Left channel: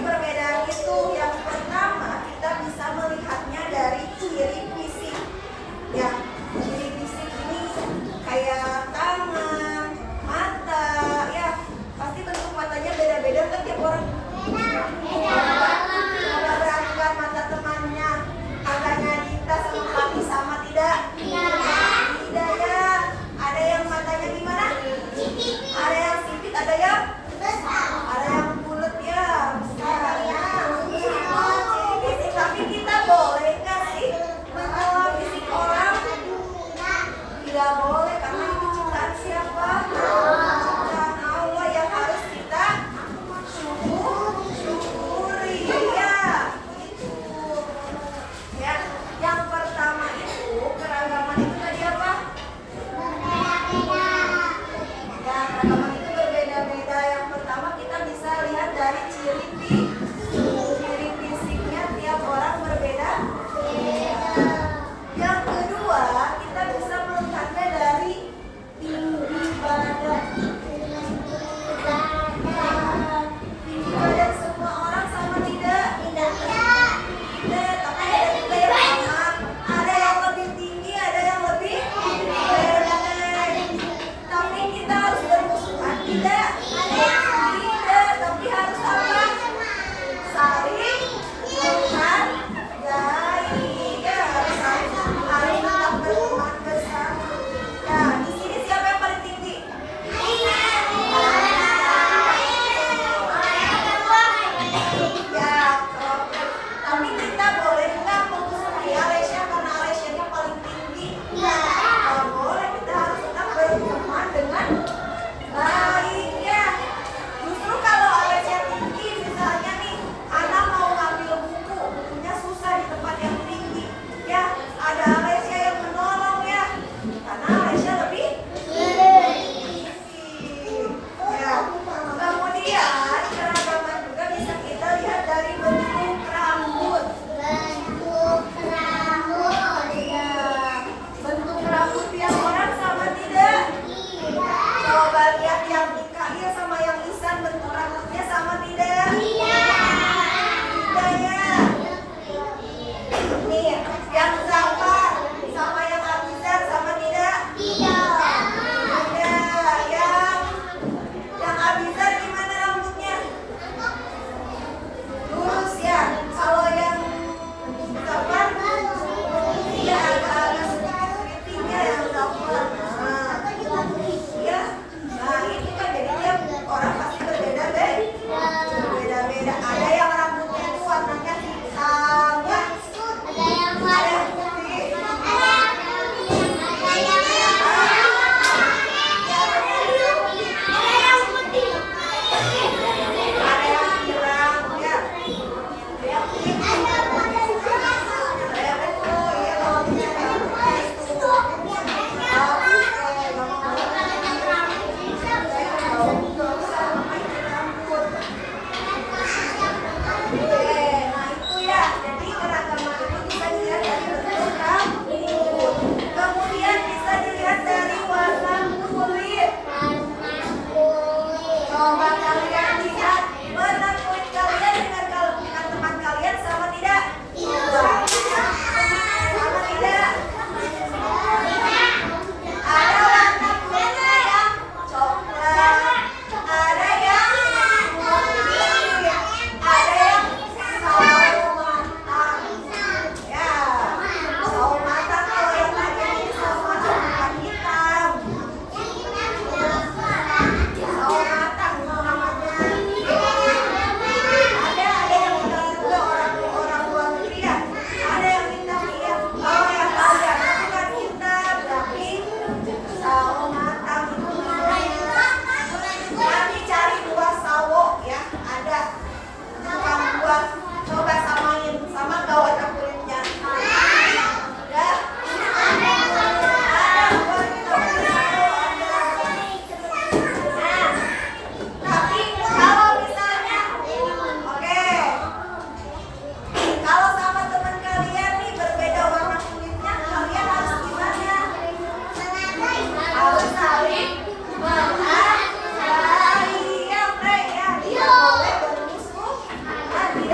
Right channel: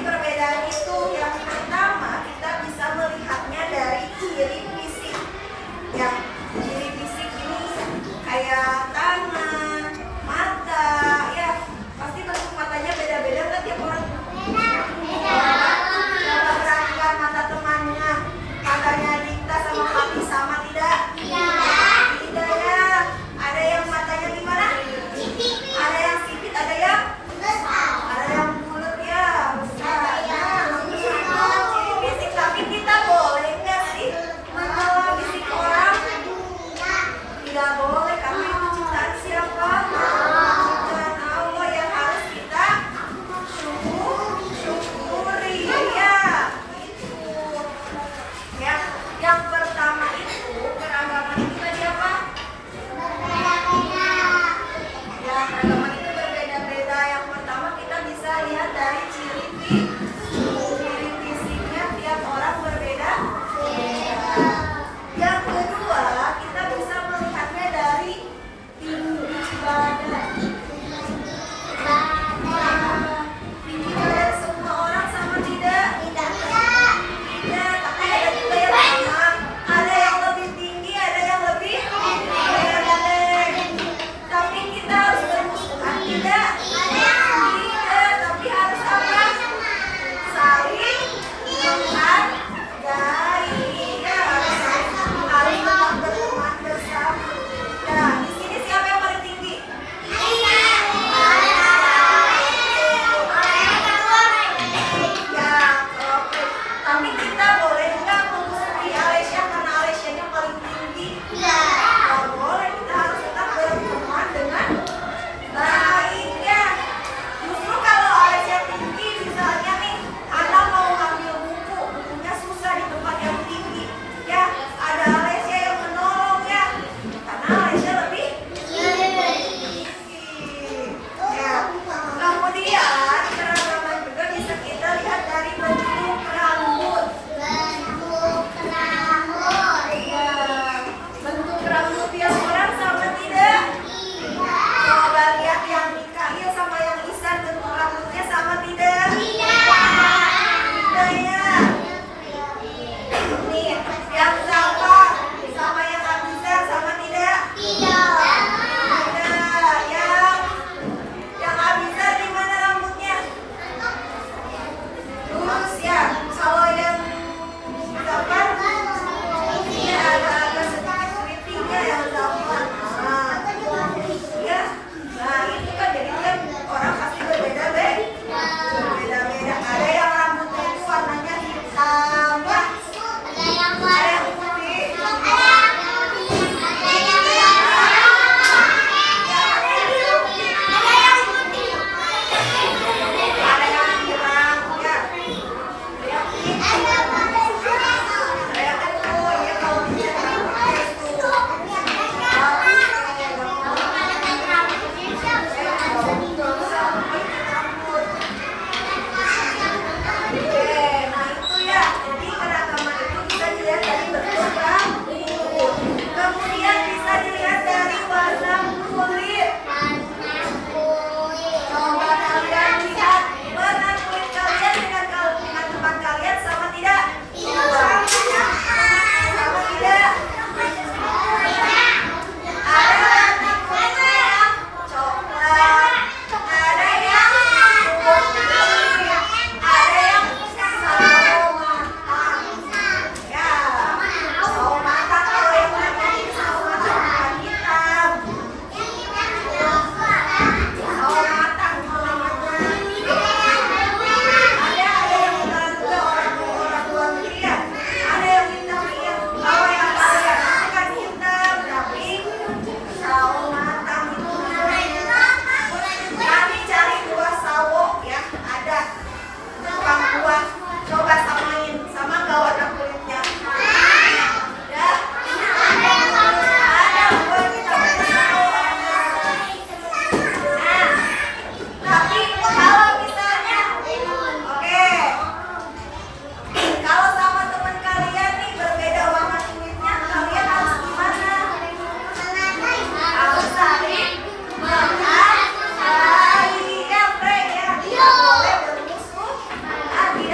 perbedaan itu. Yang pertama, kita bisa melihatnya dari ciri fisik. Ya, ciri fisik ini kayak tangan, mata, ya. Pasti bentuk matanya beda-beda kan tiap orang. Coba perhatikan mata temannya. Matanya Dita sama Papi sama tidak? Tidak ya. Ada yang matanya gimana? Ada yang sipit, ada yang besar. Ada yang bulat ya, besar. Ciri fisik, tapi kita boleh nggak sih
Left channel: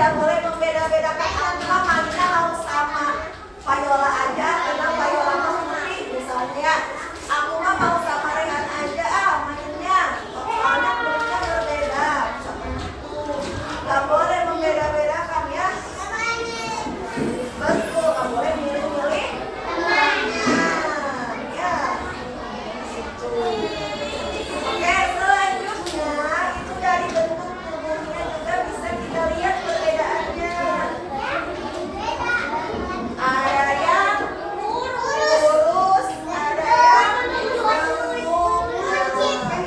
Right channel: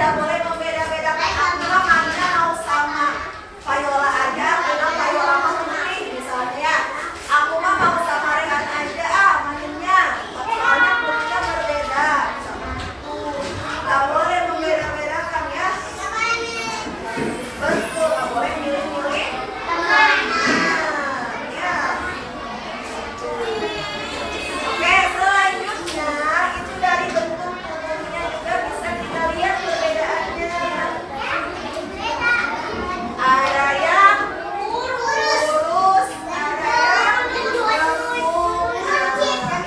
tidak boleh membeda-bedakan antara Magna mau sama Viola aja, karena Viola mah putih misalnya. Aku mah mau sama Rehan aja mainnya, soalnya kulitnya berbeda. Gak boleh membeda-bedakan ya. Betul, gak boleh milih-milih. Ya. Oke, selanjutnya itu dari bentuk tubuhnya juga bisa kita lihat perbedaannya. Ada yang lurus, ada yang lengkung,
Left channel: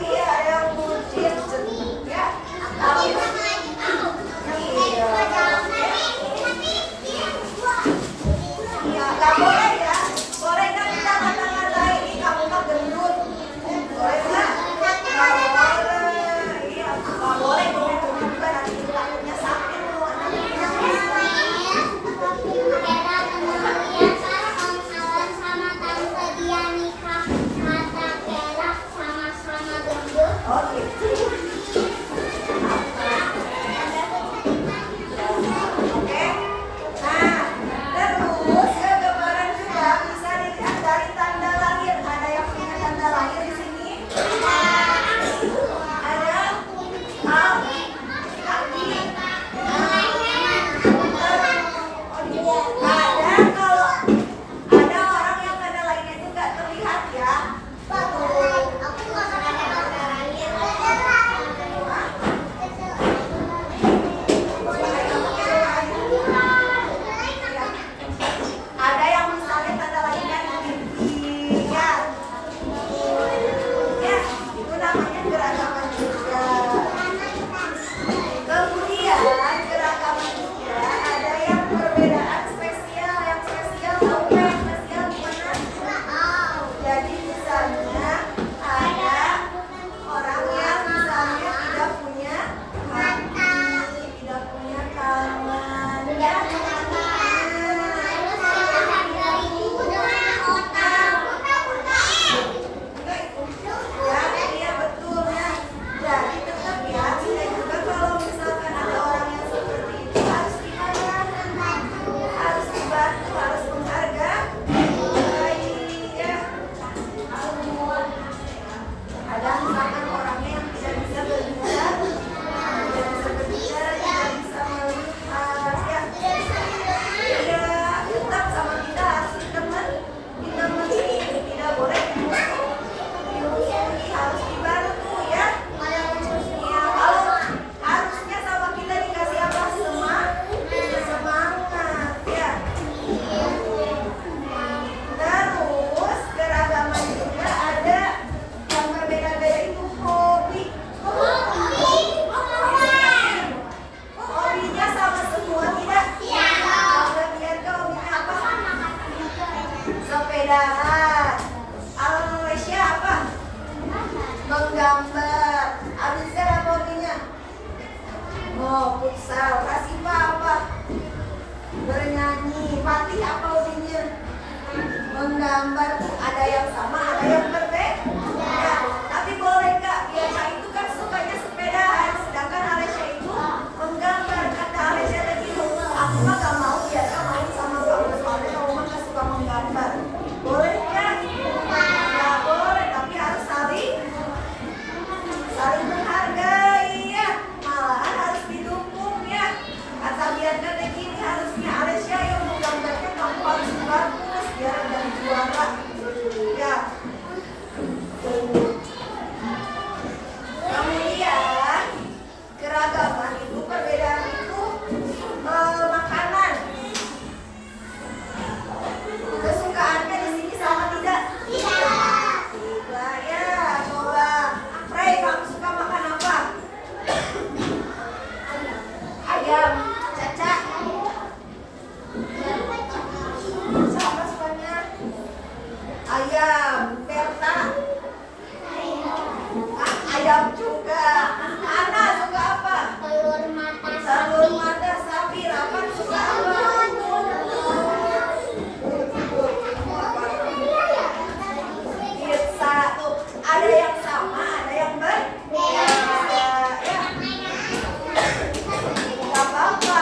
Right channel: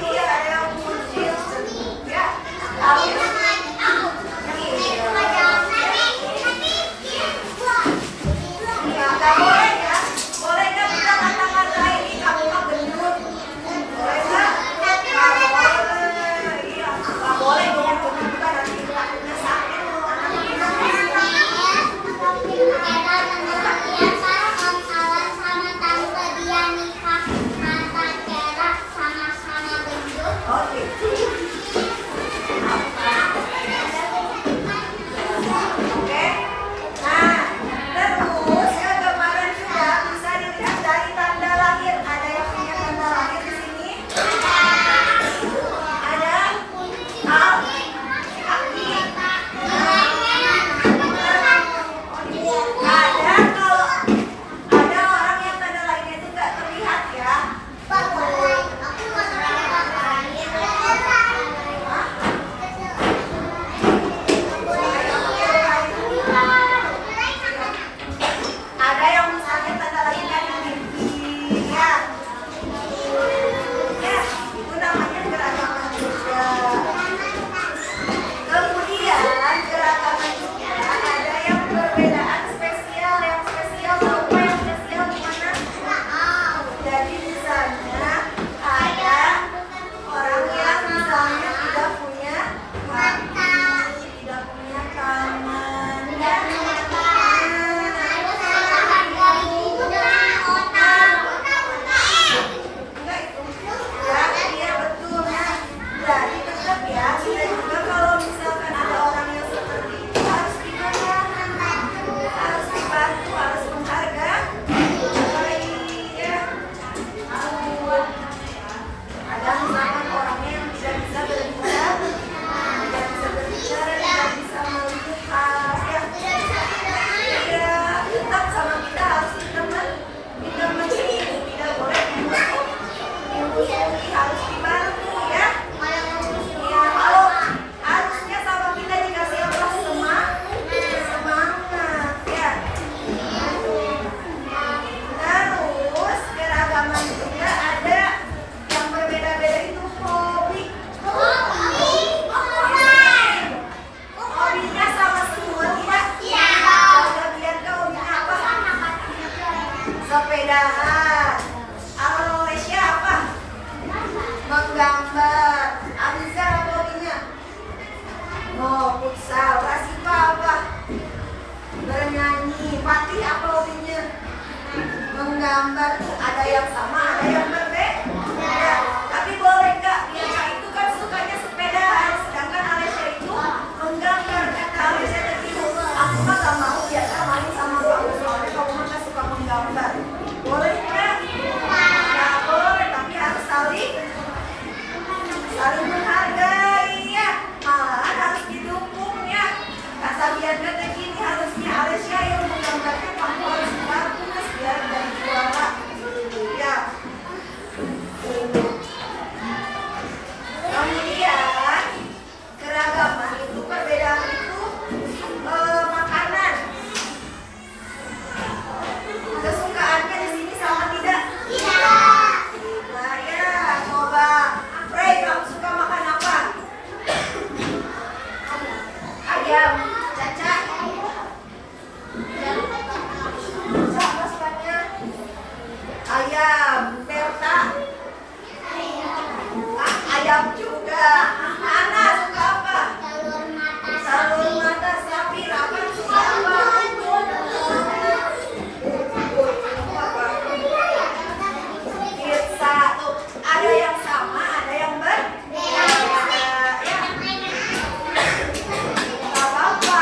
iya ada yang buncit, ya. Tapi nggak boleh ya, boleh nggak kita kata-katain ini kamu mah gendut, boleh nggak? Nggak boleh, iya nggak boleh dong gendut kan nanti kakinya sakit tuh anaknya. Oh gitu. Oke. Nah, terus ya gambaran juga bisa dilihat dari tanda lahir. Ada yang punya tanda lahir di sini? Ada kaki. Ada kalau ada orang yang tanda lahirnya itu nggak terlihat ya. Ada yang misalnya tanda lahirnya di pipi ya. Ya, itu namanya keragaman juga. Kemudian keragaman juga ada yang perbedaan spesial. Yang spesial tahu yang spesial gimana? Jadi misalnya ada orang yang misalnya tidak punya kaki, tidak punya tangan, ya. Enggak itu. Ya, iya betul ya. Jadi tetap ya, kita juga kalau misalkan ada orang yang seperti itu harus gimana? Harus dibantu, harus menghargai. Ya. Ada misalkan orangnya yang tidak bisa berbicara, tidak bisa melihat, ya. Iya, tetap sama kita harus teman, kita mencari, tidak boleh dimusuhi, harus dibantu ya. Iya, kalau harusnya sama kita dikasih apa? Semangat, ya. Terus keragaman juga ada yang berbeda-beda itu hobi. Hobinya sama semua tidak? Ada lihat kau hobinya apa? Sepedahan. Alesya apa? Menggambar. Abiza apa hobinya? Oh, futsal. Rasifa apa? Bernyanyi. Fatih apa hobinya? Menggambar. Tuh ada yang sama, ada yang berbeda. Ya, tapi boleh Kak, Bianca itu kan sukanya sepedahan, sedangkan Alesya itu menggambar. Kata Alesya tadi, aku mah gak mau Bianca main sama kamu, soalnya kamu mah gak suka menggambar. Boleh nggak? Nggak boleh, tapi harus saling menghargai ya. Malahan harus didukung ya. Kata Bianca tadi ini harusnya Alesya yang menggambarnya, kamu harus bagus biar jadi juara. Ya. Kemudian keragaman itu perbedaan itu makanan. Kesukaannya di sini sama tidak? Tidak ya. Coba, Frey, kamu suka makan apa? Ayam. Caca. Siapa sukanya? Ayam. Berta. Ayam juga. Ana suka apa? Telur mata. Safir apa? Suka apa? Pizza. Tuh, ada yang sama, ada yang berbeda. Ya. Gak apa-apa.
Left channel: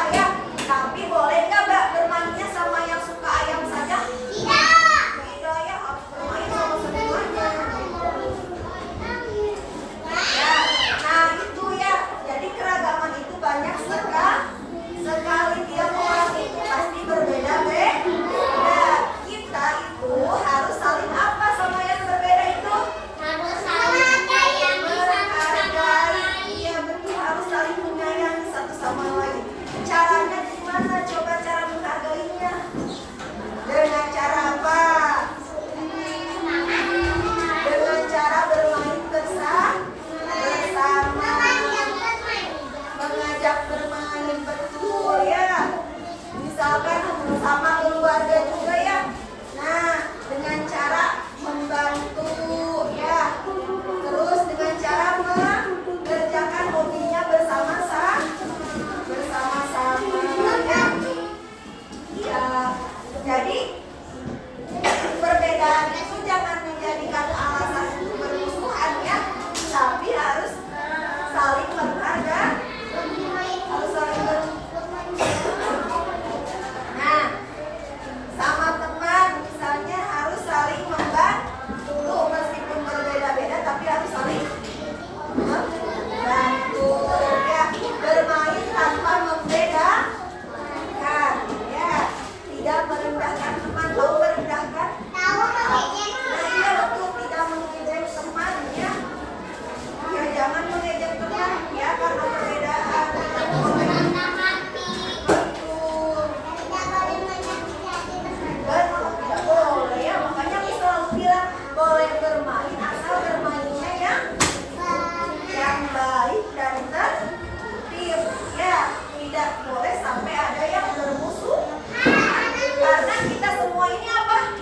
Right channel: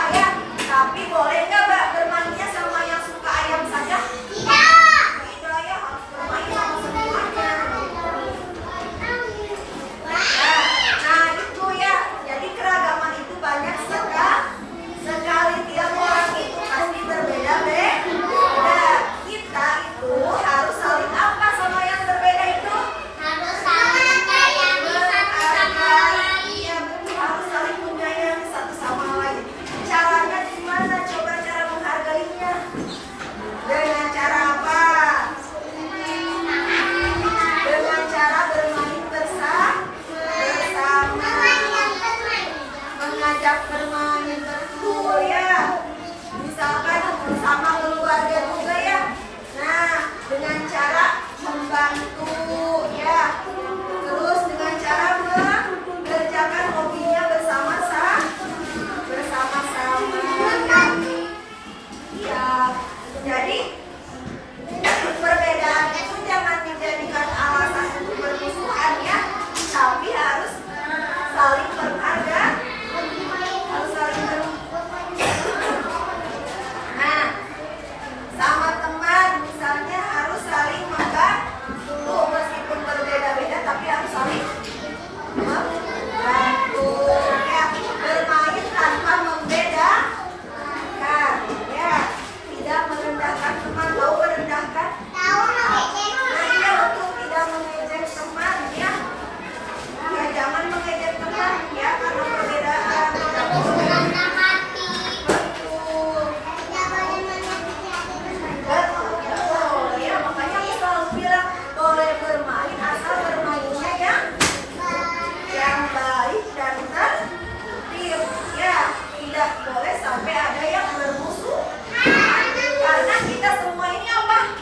sampai ada yang bermusuh. Karena kita semua ini apa?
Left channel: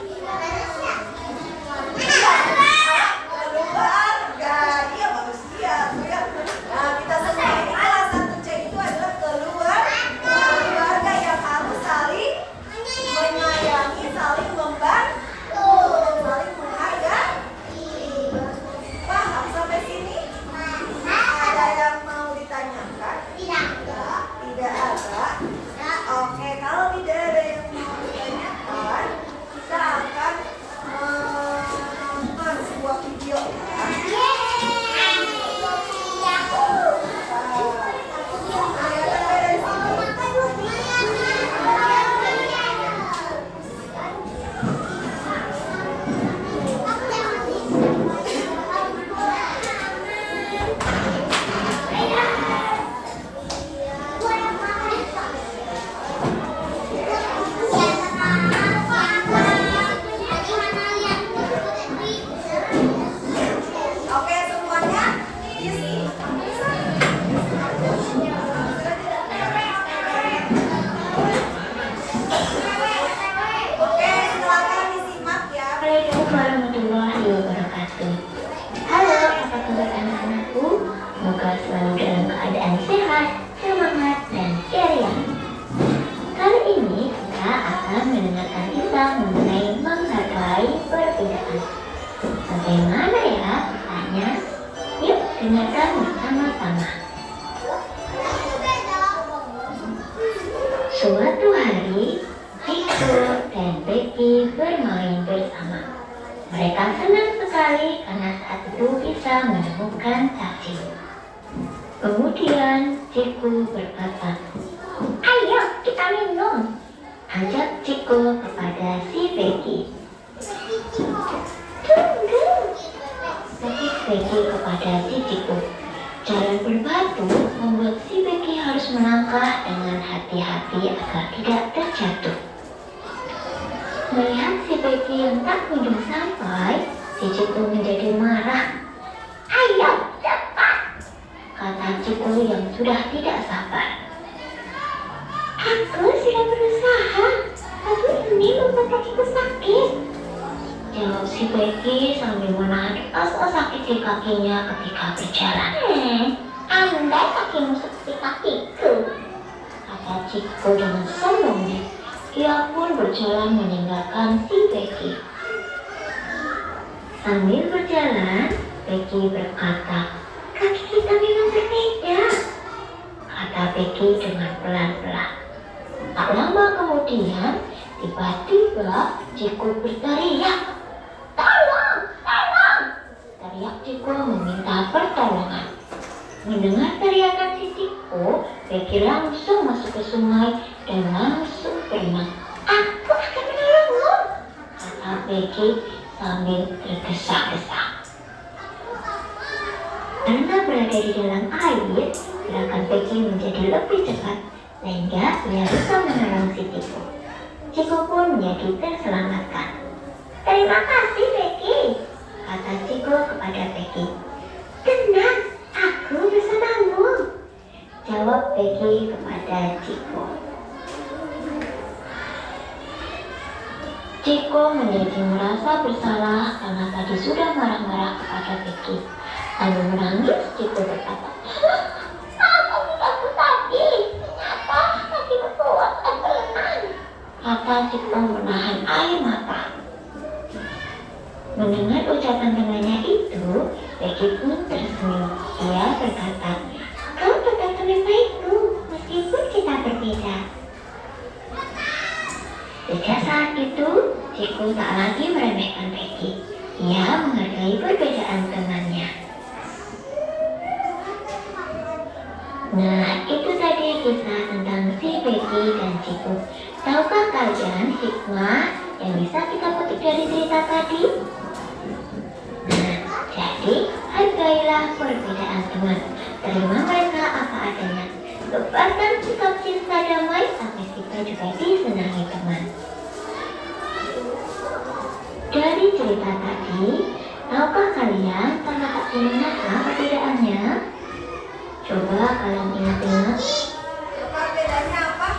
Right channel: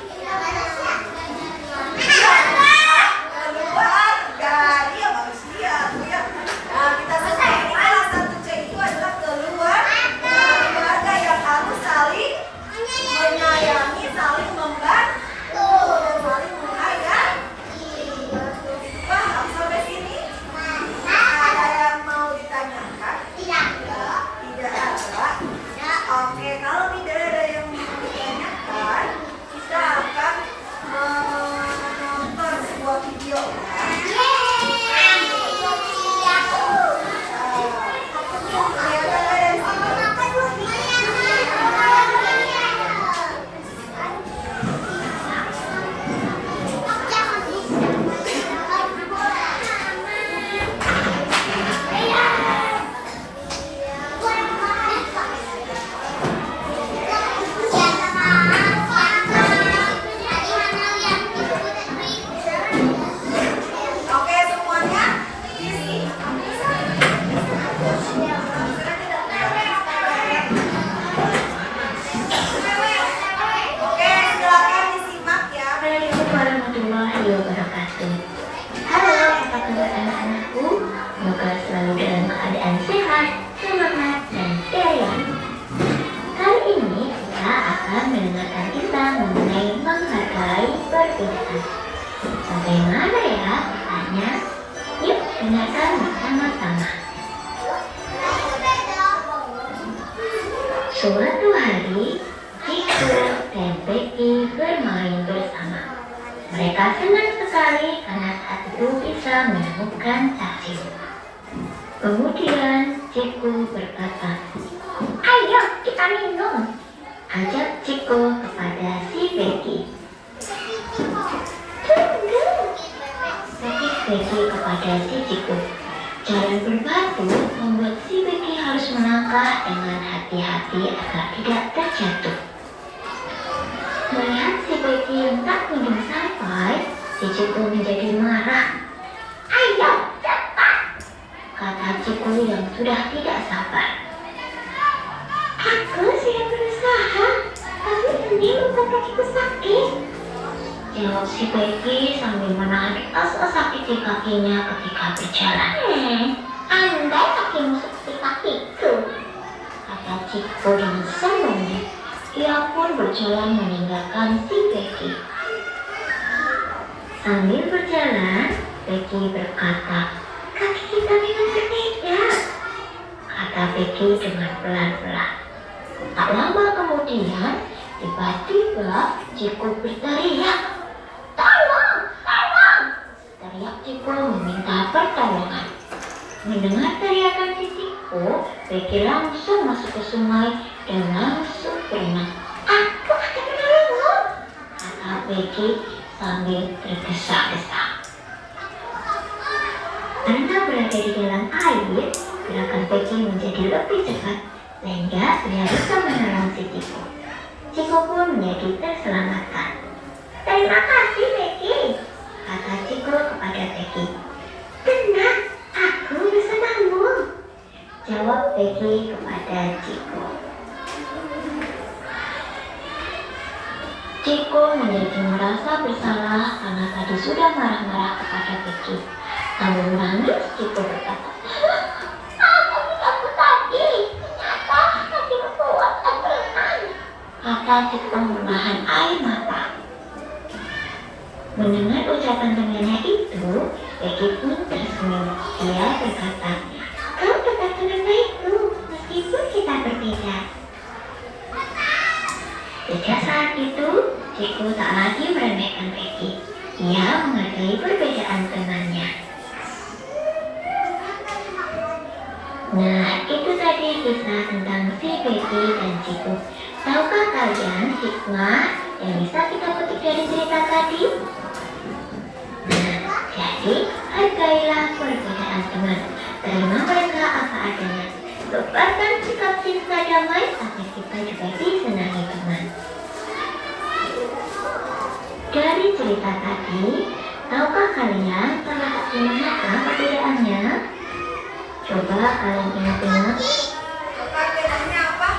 Keluarga, dia manusia. Nah, kita semua ini salah satu C itu adalah keluarga yang harus saling menyayangi, saling membantu, saling menghargai. Paham sampai sini? Ada yang mau ditanyakan? Tidak ada. Oke, kalau tidak ada yang mau ditanyakan, kita akan menonton sebuah video ya. Oke, semuanya isi. Oke, silakan disimak ya. Assalamualaikum warahmatullahi wabarakatuh. Halo, apa kabar anak-anakku? Semoga selalu dalam keadaan sehat, semangat, dan ceria. Kali ini kita akan mendengarkan kisah mengenai menghargai perbedaan. Bagaimana ya kisahnya? Yuk dengarkan bersama-sama. Suatu hari, Ciko dan Becky bermain bersama. Mereka senang sekali karena saat itu bisa menemukan cacing. Kemudian Ciko berkata, "Ayo kita minum," ajak Ciko kepada si Becky. "Tunggu," sakit Becky kepada si Ciko. Jalan berbatu membuat si Becky harus melangkah dengan hati-hati agar tidak terjatuh. Melihat si Becky yang tak kunjung sampai, si Ciko menjadi marah. "Ayo cepat," kata Ciko yang sudah tidak sabar. "Aku sudah berusaha, tapi ini membuat kakiku sakit," jawab si Becky sambil menahan rasa sakit di kakinya ketika berjalan. "Andai kakimu seperti kakiku," kata Ciko dengan sombongnya. Ia pun berjalan meninggalkan si Becky. Sambil berjalan, Becky berkata, "Kaki kita memang berbeda," kata Becky dengan pelan-pelan. Tak lama kemudian, tiba-tiba Ciko berteriak, "Tolong! Tolong!" Teriak Ciko meminta pertolongan. Mendengar teriakan si Ciko, Becky langsung masuk ke sungai dan langsung berenang. "Aku akan menolongmu," kata Becky sambil tergesa-gesa. Karena berada di dalam air, gerakan Becky menjadi lebih cepat sehingga dia bisa menolong si Ciko. Ciko pun menjadi terselamatkan. "Terima kasih Becky," kata Ciko kepada Becky. "Tenang, aku bersamamu," jawab Becky kepada Ciko. Ciko menjadi merasa bersalah karena tadi sudah marah-marah kepada Becky. Sambil menangis, Ciko berkata, "Aku tidak tadi, ternyata kakiku kuat dan berenang," kata Ciko menahan air mata. Mendengar ucapan temannya itu, Becky pun tersenyum. Dia berkata, "Kau tetap teman baikku, meskipun kita berbeda." Sejak saat itu, Ciko tak lagi meremehkan Becky. Ia menghargai perbedaan temannya. Nah, itu tadi kisah tentang si Becky dan Ciko. Tahukah kalian hikmah yang bisa kita petik dari cerita tadi? Nah, jadi hargailah perbedaan teman. Terima mereka apa adanya. Lupakan sikap cinta damai agar kita juga disenangi teman. Dari cerita tadi, tahukah kalian terletak di manakah perbedaannya? Coba kalian ingat-ingat. Perbedaannya apa?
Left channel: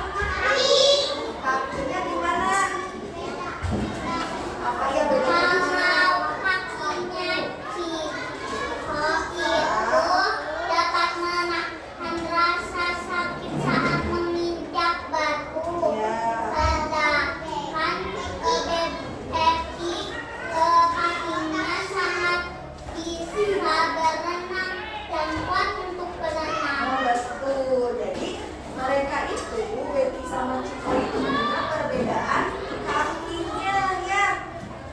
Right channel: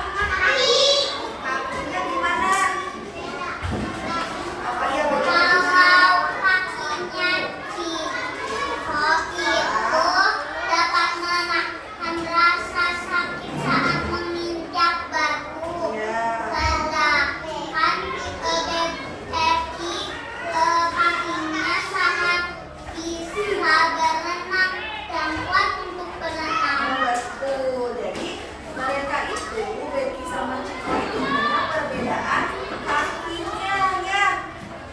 itu Becky sama Ciko itu punya perbedaan kakinya ya.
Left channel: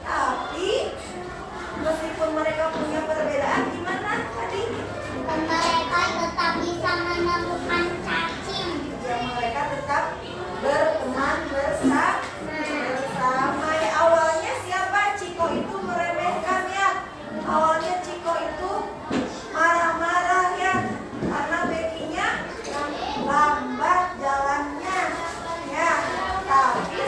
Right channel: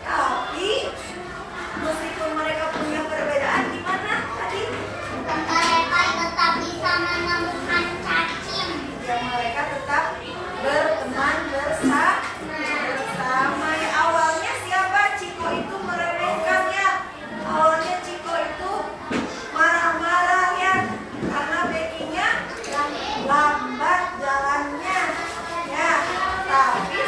Tapi meskipun mereka punya perbedaan, gimana tadi? Mereka tetap bisa menemukan cacing. Ya, mereka tetap berteman bersama. Ya, awalnya siapa? Ciko itu meremehkan ya. Awalnya Ciko itu marah-marah ya, karena Becky-nya yang lambat jalannya ya. Tapi